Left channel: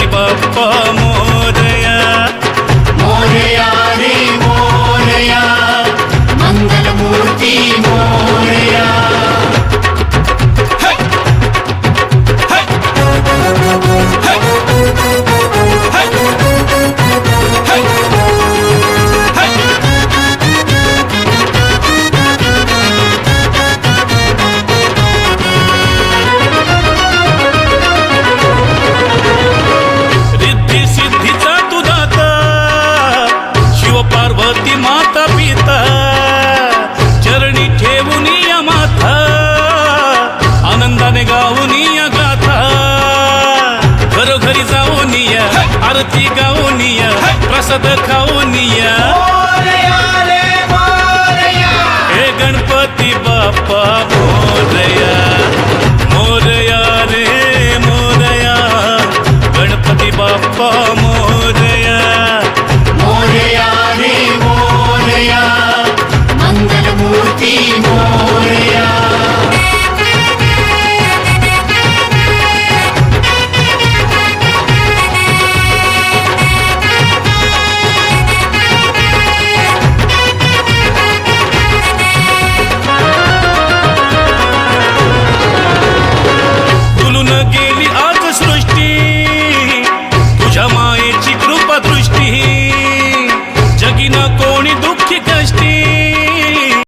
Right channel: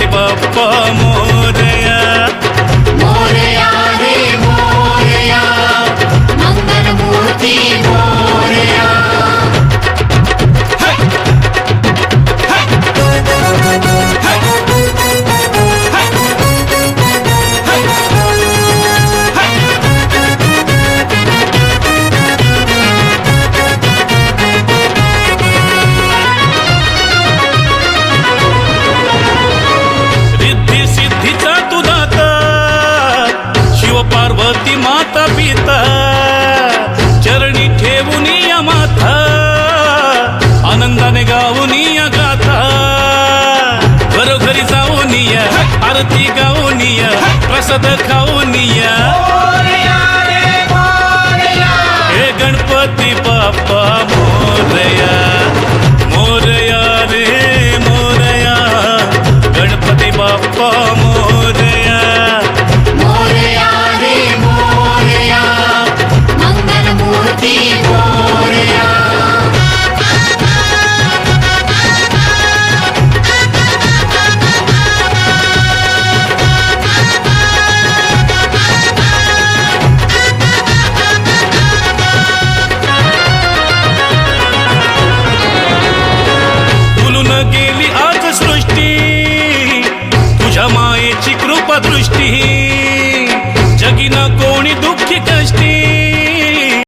गणपती बाप्पा मोरया पार्वती माता पिता चरणी ठेवून या माथा आनंदाने गाऊन या गाथा घरोघरी जाऊन या आरती गाऊन या प्रसाद खाऊन या. हे गणपती बाप्पा मोरया मोरया रे मोरया. गणपती बाप्पा मोर सृष्टी तुझ्या मायेची कृपा दृष्टी जगिना कोणी दुःखी कष्टी.